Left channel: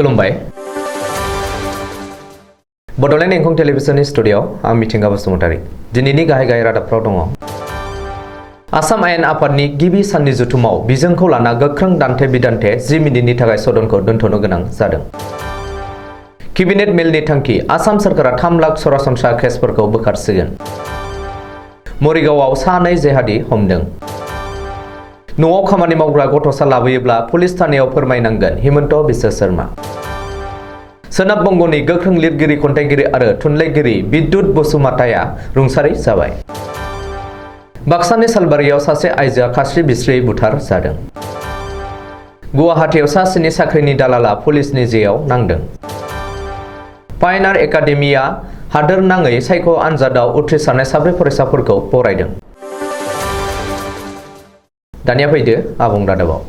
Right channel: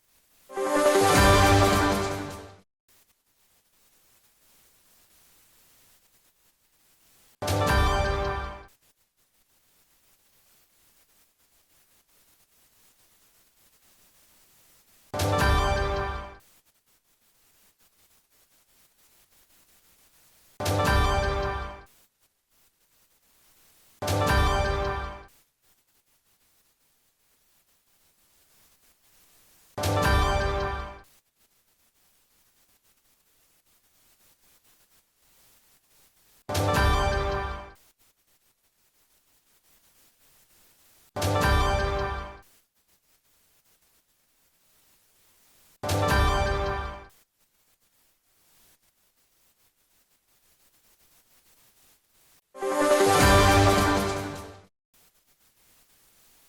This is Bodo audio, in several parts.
खुलुमबाय बड'लेण्ड इंखं टेलिभिजननि स्टुडिअ आं मिथिंगा बसुमतारी दिनैनि गाहाय रादाबफ्राव दङ आसाम आयेन आफादनि गिबि साननि जथुमाव बिजोंखौ लाना गोख्रों दान्थे बिदान्थे 10 मिनिटनि थाखाय सदनखौ दोनथ'नो गोनां जादों केबिनेट मेलनि थांखि आसाम सरकारा 3 लाख सरासनस्रा केसफोरखौ बोखारसिगोन मरिगावआव सानै जेहादी हमदों न'आव खामानि मावग्रा गथ'सा लाबोयोब्ला पुलिस थानायाव फोरमायनांगोन हिमन्त बिश्व शर्मा सोनाब बंग'नि गोख्रों लिरगिरि खन्थाइगिरि आरो थुनलाइगिरि बिद्युत बसुमतारीआ रुंसारि जाबाय बाक्सानि सालबारियाव सासे आइजोआ खास्रि बिस्रि बुथार जादों गुवाहाटीआव सासेनि साख्रिनि दालाला पुलिसनि जेयाव नांदों पायनार एकाडेमिया हादोर नाङै सायख' आनजादाव उथ्रिसारनाय 4 फरायसाफोरखौ बरायदों दानिया फैदो आबुं रादाबाव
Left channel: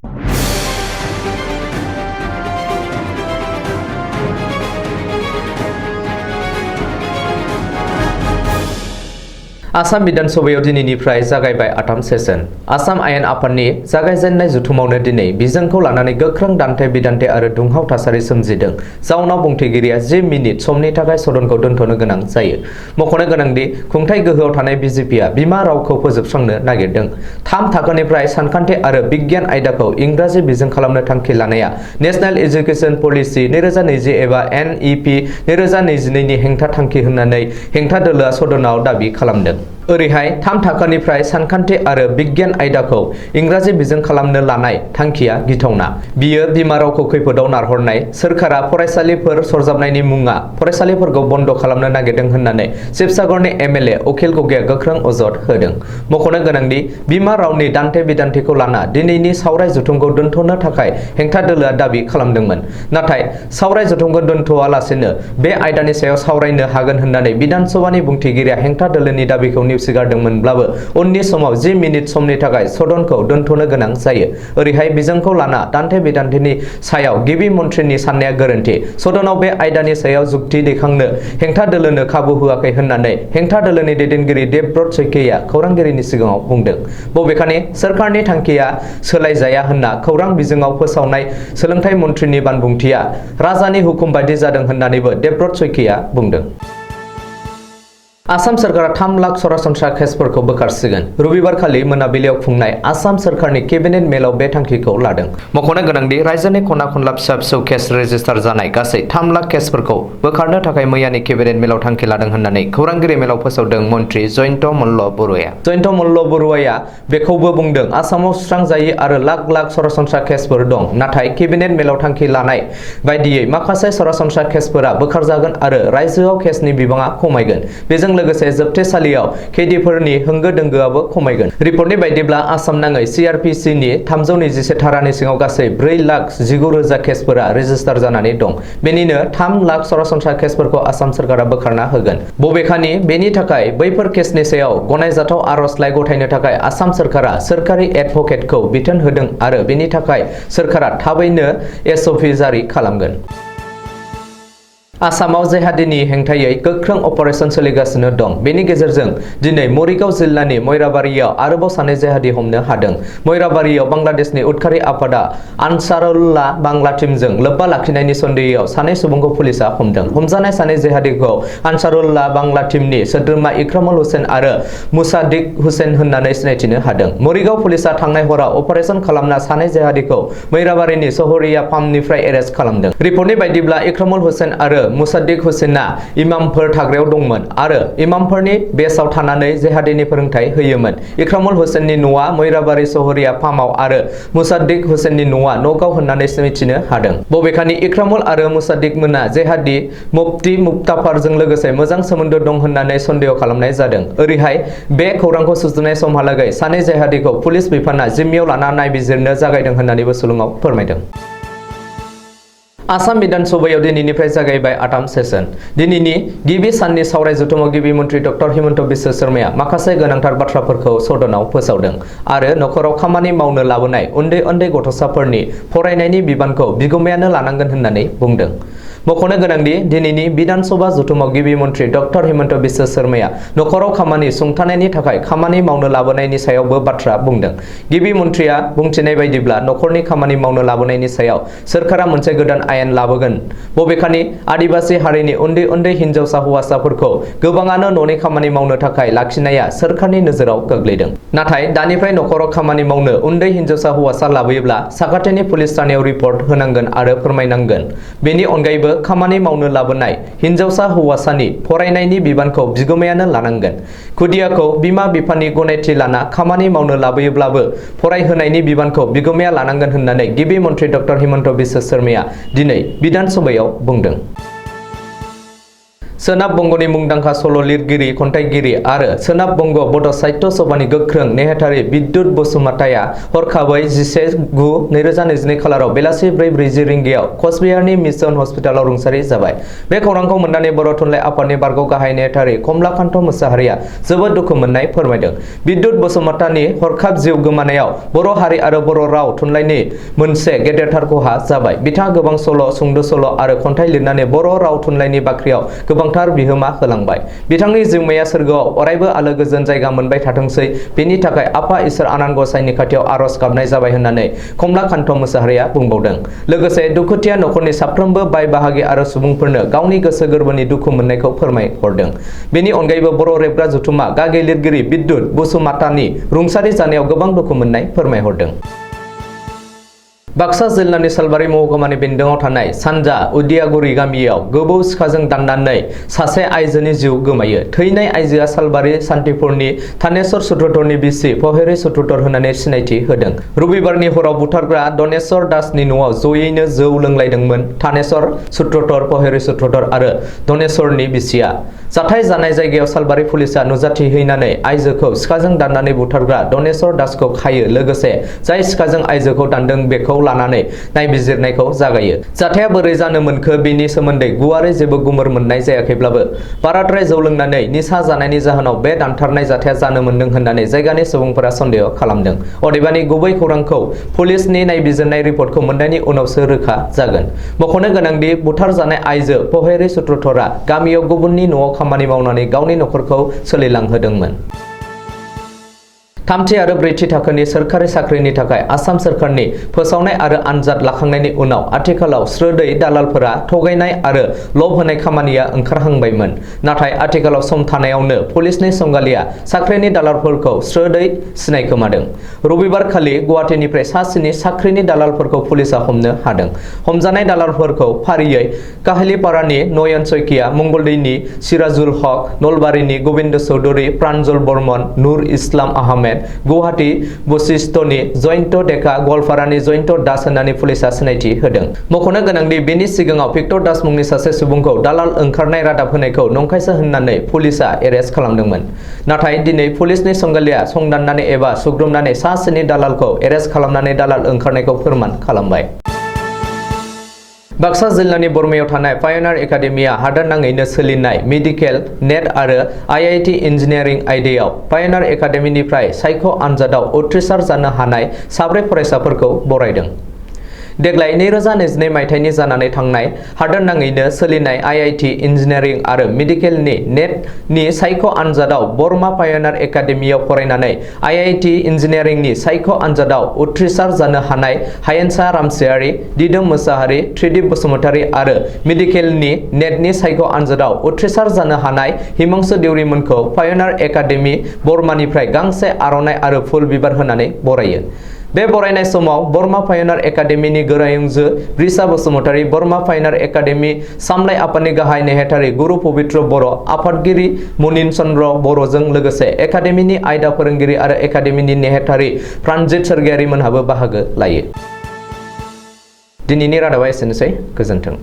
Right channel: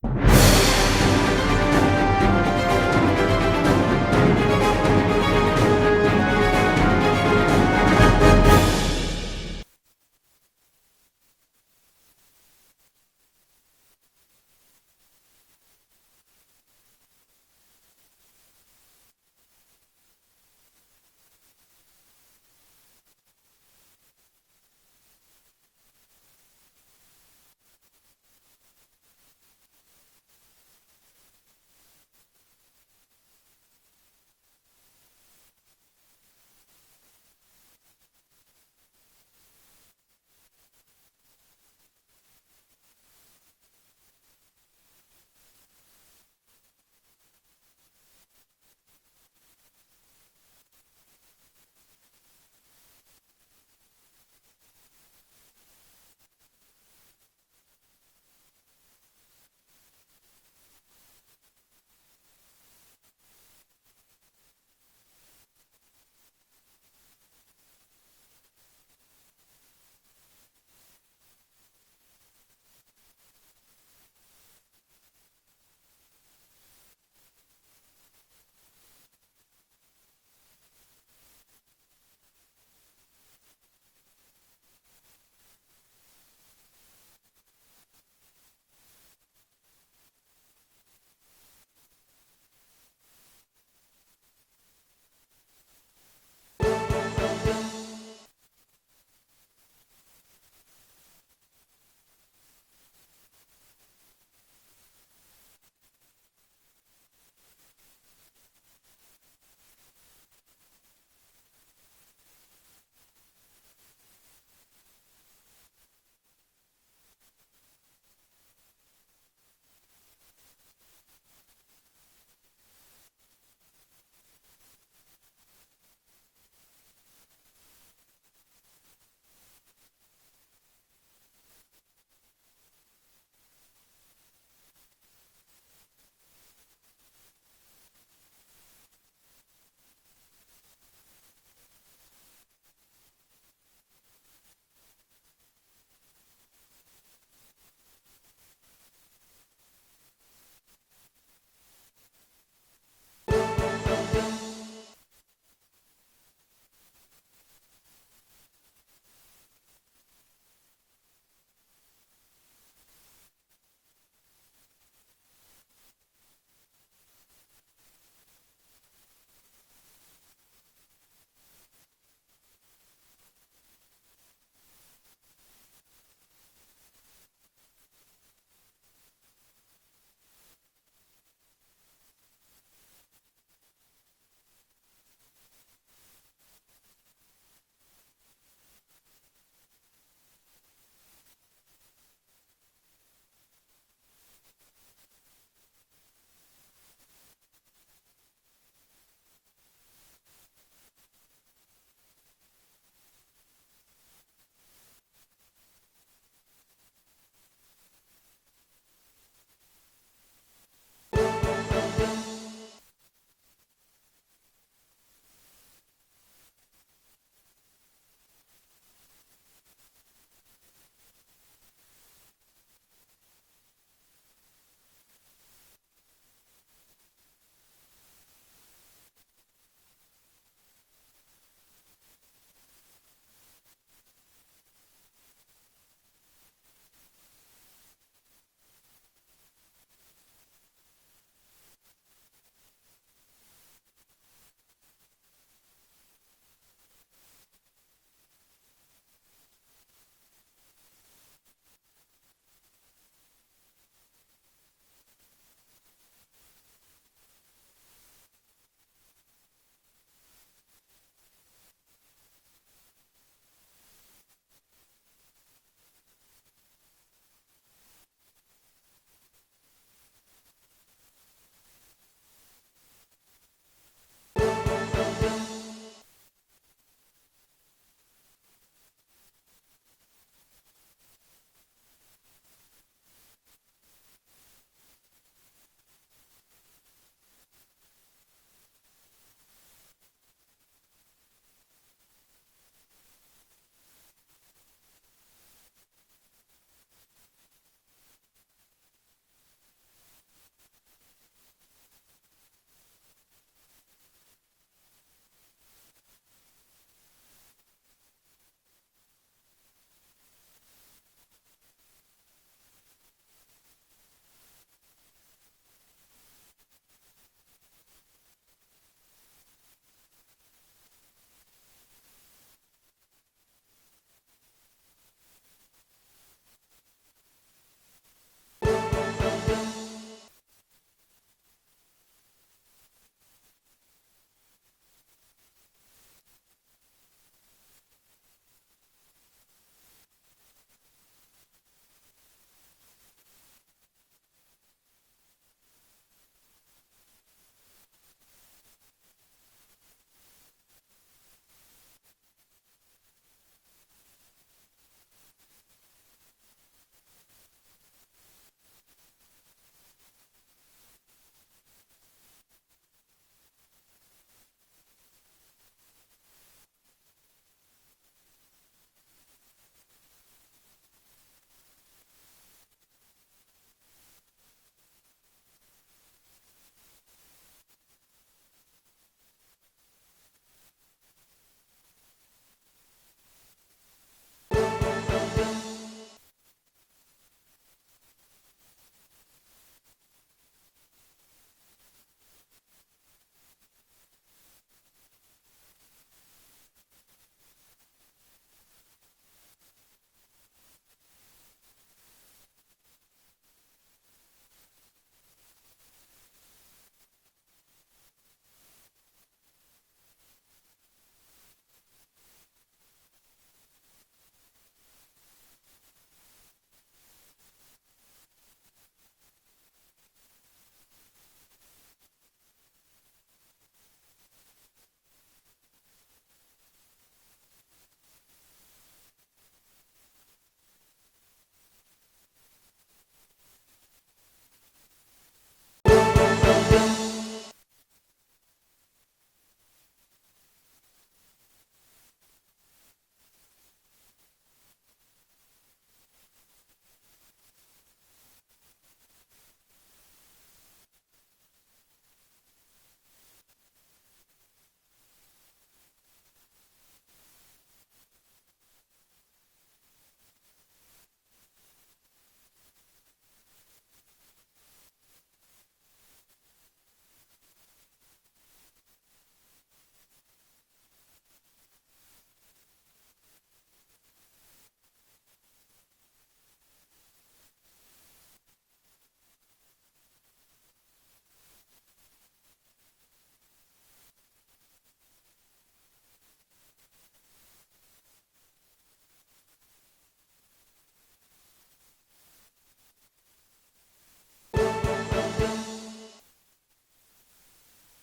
आसाम विधानसभायाव दिनैनिफ्राय जागायबाय 8 सेसन आसाम आयेन आफादनि जागायजेननाय जथुमावनो दिनै बिजोंखौ लानानै गोख्रों दान्थे बिदान्थे आरो दुंहाव थासारि सोमजिदों जाउनाव बुंथिगिरिया 10 मिनिट समनि थाखाय सदनखौ दोनथ'नो गोनां जायो मख'नो गोनांदि खुंथाय गोहोआव थानाय बिजेपिआ बिमा रावखौ फोजोबस्रांनो नागिरदों 3 थाखोनिफ्राय सानखान्थि आरो बिगियान आयदाखौ इंराजि बिजों खालामनो थांखि लानाया नेशनेल एजुकेशन पलिसि 2020 एबा NEP 2022 नि हेंथा थांखि होननानै हेंथा दोलोआ सदनाव दाबि खालामदों ओरैहाय 3 थाखोनिफ्राय सानखान्थि आरो बिगियान आयदाखौ इंराजि बिजों खालामनो लानाय थांखिया गिथावना बियो बिमा रावखौ खैफोदाव नारहरनाय सोरखारा फरायसालिफोर सरजाबनायनि मुङा फरायसालिफोरखौ बन्द खालामनो नागिरदों होननानै शिबसागरनि MLA अखिल गगैया गोख्रों अजद होदों मख'नो गोनांदि बिमा रावनि दान्थे बिदान्थेखौ लाना दिनैनि सावराय जथुमखौ दोनथ'नो थाखाय हेंथा दोलोआ दाबि खालामदोंमोन नाथाय सावराय जथुमखौ दोनथ'आलासेनो बे आयदानि सायाव सावरायनो हागोन होननानै विधानसभानि बुंथिगिरिया हेंथा दोलोनि दाबिखौ नेवसिगारदोंमोनब्लाबो उननि समाव 10 मिनिट समनि थाखाय सदनखौ दोनथ'नो गोनां जायो ओरैहाय बिजोंखौ लाना दान्थे बिदान्थेनि सायाव गिबि मन्थ्रिनि साननाया गोरोन्थि सदनाव बे आयदानि सायाव जुक्ति दैखांनो हेंथा दोलोनो खाबु होआखै होननानै हेंथा दोलोनि दैदेनगिरि देबब्रत सैकिया खौरांगिरिनि सिगाङाव बुंदों बबेखानि सोरखारनि थांखिया सोलायजाया होनना खौरां बिजोङाव फोसावनाय सोलोंथाइ मन्थ्रिनि बानबुंथिया राजानि हुकुम बायदि जादों होननानैबो देबब्रत सैकिया बुंदों आसाम सरकारा 3 लाख सरासनस्रा केसफोरखौ बोखारसिगोन रबिबारखालि मोनाबिलियाव खुंनाय आसाम सरकारनि केबिनेट मेलाव बे थांखिखौ लादों मख'नो गोनांदि रायजोनि खना खनला फिसा फिसौ केस रेजिस्टार जानाय गासै 3 लाख केसफोरखौ बोखारनो थाखाय मैयानि केबिनेट मेलाव थांखि लादों होननानै खौरांगिरि मेलाव फोसावदों मन्थ्रि जयन्त मल्ल बरुवाया जयन्त मल्ल बरुवाया बेखौबो बुंदों आसामाव सुस्रांजायै आरो लाख सरासनस्रा केसफोर दं नाथाय केबिनेट मेलाव थांखि लानाय बायदियै माखासे सरासनस्रा केसफोरा बोखारजागोन आरो रायजोआव केसनि बिबाङा खमायगोन बेजों लोगोसे जोबथेसालियाव खैदिफोरनि होंगो दोंगोआबो खमायगोन रिपर्टनि बायदिब्ला आसाम नाङै CRPC नि 321 धारानि सिङाव गासै 4,19,000 केसफोरा रेजिस्टार जानानै दं बेनिनो 3 लाख सरासनस्रा केसफोरखौ आसाम सरकारा बोखारना होगोन बबेखानि बेनि थाखाय बैफोर केसनि सायाव गनायजाथाव आर'जलाइ गथायनो थाखाय आसाम सरकारा सोरखारि एडभकेटखौ बिथोन होदों आरो बेनि थाखाय सोरखारा थाबैनो SOP जारि खालामगोन आसामाव जेहादीनि हेंथायै गोख्रों अपारेशन सोलिगासिनो दं बेनि गेजेरजों दिनै मरिगाव जिल्लानि मयराबारियाव आरोबाव सानै जेहादी हमनो हादों मयराबारियाव बांलादेशनि उदखारि आफादा आनसारुल्लाह बांला टीमजों लोब्बा लाखिनायनि सन्देहआव सानै सुबुंखौ पुलिसा हमदों हमजानाय सानै जेहादीखौ आनसारुल्लाह बांला टीमनि सोद्रोमा इक्रामुल हुसैन आरो मुसादिक हुसैन होननानै सिनायथिनो हादों मरिगाव पुलिसा थांनाय हराव अपारेशन खालामना सानै जेहादीखौ मयराबारिनि सहरिया फार्मनिफ्राय एरेस्ट खालामदों रिपर्टनि बायदिब्ला इक्रामुल हुसैन आरो मुसादिक हुसैना इमामफोर थाग्रायाव दंमोन आरो इमामफोरनि बेसाव थानानै जेहादीनि फोरोंथाय होयोमोन इक्रामुल हुसैननि न'आ मयराबारि सहरिया फार्माव आरो मुसादिक हुसैननि न'आ नगाव होननानै मिथिनो हादों बबेखानि इक्रामुल आरो मुसादिक मोना जेहादी मुफ्ती मुक्ताफारजों लोगोसे मोजां सोमोन्दो दं होननानै सन्देह खालामनाय जादों ओरैहाय बे खौरांखौ सुजुनाय समहालागै सानै जेहादीखौ पुलिस बिफाना जिम्मायाव लाना नायबिजिरनो जागायदों होननानैबो सुलुङाव फोरमायदों आसाम विधानसभायाव दिनैनिफ्राय जागायबाय 8 सेसन दिनैनि गिबि साननि सावराय जथुमाव गिबि मन्थ्रि डक्टर हिमन्त बिश्व शर्माया माखासे गोनांथार बाथ्राफोरखौ सदनाव फोसावदों आरो नखराव खामानि मावनो लाबोनाय उन्दै गथ'साफोरनि फरायनायनि बिबानखौ बिगुमायानो लानांगोन होननानै बुंदों मख'नो गोनांदि दिनैनि बिधान सभा जथुमाव गिबि मन्थ्रि डक्टर हिमन्त बिश्व शर्माया नखराव खामानि सुंथानायनि थाखाय खामानि मावनो लाबोनायनि सायावबो बाथ्रा बुंदों। गिबि मन्थ्रिया बुंथिनाय बायदिब्ला नखरनि खामानि मावनो लाबोनायनि सायाव सोरखारा मोनसे गोदान आयेन लाबोगोन। बबेखानि आदिबासि हारिनि उन्दै उन्दै हिनजावसा हौवासाफोरखौ गोबाङानो न'नि खामानि मावनो थाखाय लाखिनाया सोरखारनि नोजोराव गोग्लैदों। नाथाय दानिफ्राय नखराव खामानि मावनो उन्दै हिनजावसा हौवासा लाबोयोब्ला साखाथिनि पुलिस थानायाव रिपर्ट होनांगोन आरो फोरमायनांगोन। बेनि अनगायैबो खामानि मावनो लाबोनाय हिनजावसा हौवासानि फरायनायनि बिबानखौ बिगोमायानो लानांगोन। खुदियाखौ बिमा बिफानि गनायथि लाना खामानि मावनो लाबोयोब्लाबो फरायहोनायनि बिबानखौ बिगोमाया लानांगोन होननानै गिबि मन्थ्रि डक्टर हिमन्त बिश्व शर्माया दिनै बिधान सभायाव बुंदों। सोनाब बंग'नि मुंदांखा सल' लिरगिरि खन्थाइगिरि आरो सोनाब बंग' बड' साहित्य सभानि गोख्रों नेहाथारि बिद्युत बसुमतारिया हरखाबै 11/9/2022 खालाराव बेलासि 4:40 रिंगायाव कचबिहारनि मिशन हस्पिटालाव रुंसारि जाबाय। बे खौरांखौ मोननानै बर' थुनलाइ आफादनि बारग' गाहाय नेहाथारि कमलाकान्त मोसाहारिया जोबोद दुखु मोननाय फोरमायदों। बिद्युत बसुमतारिनि हरखाब जिउ गोमानायाव बर' हारि आरो बर' राव थुनलाइनि मोनसे गेदेरथार खहा जाबाय। बिथाङा गोबां सल', सुंद' सल' आरो खन्थाइ लिरनानै बर' राव थुनलाइनि बाख्रियाव गोबांथार बिहोमा होलांबाय। बिथांनि जिउमाया सोरगोआव अरायबो आलो गोजोन जायगा मोनबाय थाथोंसै, बेनि थाखाय आफा इसोर आनान गसाइनि खाथियाव आरज गाबनाय जाबाय होननानै कमलाकान्त मोसाहारिया बुंबावदों। लोगोसे दुखुथिया नखरनि साफ्रोमबो बाय बाहागि आरो सुबुंफोरनो गावनि गोसो गोरबोनि दुखु मोननायखौ फोरमायहरदों। बेनि अनगायैबो बर' रेबग्रा जथुमा गागि लिरगिरि बिद्युत बसुमतारिनि रुंसारि जानायाव गोबां दुखु मोननाय फोरमायहरदों। बाक्सा जिल्लानि सालबारि महकुमानि बेन्दोङाव थानाय सानजा उदियागुरि गामियाव गोबौ सिखाजों दाननानै सासे आइजोनि जिउ गोमायो। थैनाय आइजोआ सालबारि सान्तिपुरनि थानेश्वर सुत्रधरनि बिसि पहेरि सुत्रधर होननानै सिनायथि होदों। रबिबारनि हराव बुथारग्रा धनेश्वर दासनि न'आव जयैनो जौ लोंलायदोंमोन थानेश्वर सुत्रधर, पहेरि सुत्रधर आरो धनेश्वरनि बिसिया। जाथाय जानाय जायगायाव सालबारि पुलिसा नुजाथिहैनानै आइजोखौ सिखाजों दाननानै बुथारग्रा धनेश्वर दासखौ खायो। लोगोसे जाय सिखाजों आइजोखौ दानदों बेखौ लानानै नायबिजिरनायखौ जागायो। जाथाया बोरै जानो मोनखो बेनि सोमोन्दै गुवारै जेबो गुमुर मोननाय जायाखैब्लाबो बाराद्राय जौ लोंनानै निसा जानायनि जाहोनाव बे दानथारनाय जाथाया जानो मोनदों होननानै जायगानि सुबुंफोरा सन्देह खालामदों। अदेबानि गुबै खौरांखौ पुलिसनि नायबिजिरनाय रिपर्टखौ मोननायनि उनावसो रोखा जागोन। मख'नो गोनांदि बुथारजानाय आइजो पहेरि सुत्रधरा गामियाव गुबुननि न'आव खामानि मावनानै गावनि नखरखौ सोलिलांहोदोंमोन। थामथि आरो ब्रैथि थाखोनि सोरखारि साख्रिनि थाखाय आसाम सोरखारनि फोसावनाय आरो आनजाद लाखांनायनि उनाव आथिखालाव स्रोदै दालालफोरा थगायनाय आरो लब होनाय खामानिया ओंखारहांबायमोन। नाथाय आथिखालाव सम थानायावनो पुलिसनि संगालिया साख्रिनि दालालफोरखौ स्रोदै सिनायखोमादों। रबिबार खालि गुवाहाटीनिफ्राय सा 7 साख्रिनि दालालफोरखौ पुलिसा हमनो हादों। हमजानाय दालालफोरखौ फारियै काहिलिपारानि नयन सयकिया, मंगलदैनि सिराजुल हक, नलबारिनि गबिन्द चौधुरी, प्रान्जल बर्मन, नुर इस्लाम आहमेद, गुवाहाटी बशिष्ठनि जयन्त डेका, गवालपारानि जयन्त दास होननानै पुलिसा सिनायथि होदों। मख'नो गोनांदि बेनि सिगाङाव भिक्टर दास मुंनि सासे सुबुंखौ दालाल ओंखारनाय रादाब होनायखौ नंखायसो होननानै पुलिसा एरेस्ट खालामदोंमोन। नाथाय दिनै पुलिसनि संगालिया संदाननानै एबा सुग्रोमनानै सा 7 दालालखौ एरेस्ट खालामनानै दालाल ओंखारनायखौ फोरमान खालामबाय। बाक्सा जिल्लानि बरमायाव थानाय पायनार एकाडेमिया हादोर नाङैनो सोलिनाय मेडिकेल, नेट आरो IIT इन्जिनियारिं आयदायाव पायनार एकाडेमिनिफ्राय सायख' आनजादाव उथ्रिसार जानो हानाय 4 फरायसाफोरखौ बरायदों। देग्लाय 2022 मायथाइनि जानानै थांनाय हादोर नाङैनो सोलिनाय IIT इन्जिनियारिं आरो मेडिकेलनि नेटनि सायख' आनजादाव बरमा पायनार एकाडेमियाव फरायनानै IIT इन्जिनियारिंनि सायख' आनजादाव उथ्रिसार जानो हानाय हायेनसा रामसियारि, दिदोम मोसाहारि, त्रिदिप बसुमतारी आरो मेडिकेलनि नेटनि सायख' आनजादाव उथ्रिसार जानो हानाय हिमांशु देउरिमोनखौ पायनार एकाडेमि बरमानिफ्राय गांसे आर'नाइ आरो फुल बिबार होनानै बरायो। बे बरायनाय समाव बरमा पायनार एकाडेमिनि गोरायुंजो ब्रिसा बसुमतारी, बरमा पायनार एकाडेमि सामलाय आफादनि गाहाय नेहाथारि गुरु पबित्र बर', आफादगिरि मनिन चन्द्र बर'जों लोगोसे एकाडेमिनि आयदा फोरोंगिरि आरो एकाडेमिनि नेहाथारि प्राणजित सोरगियारि मोनहाबो बाहागो लायो। दिनैनि रादाबा एसेनोसै। गोजोन्थों।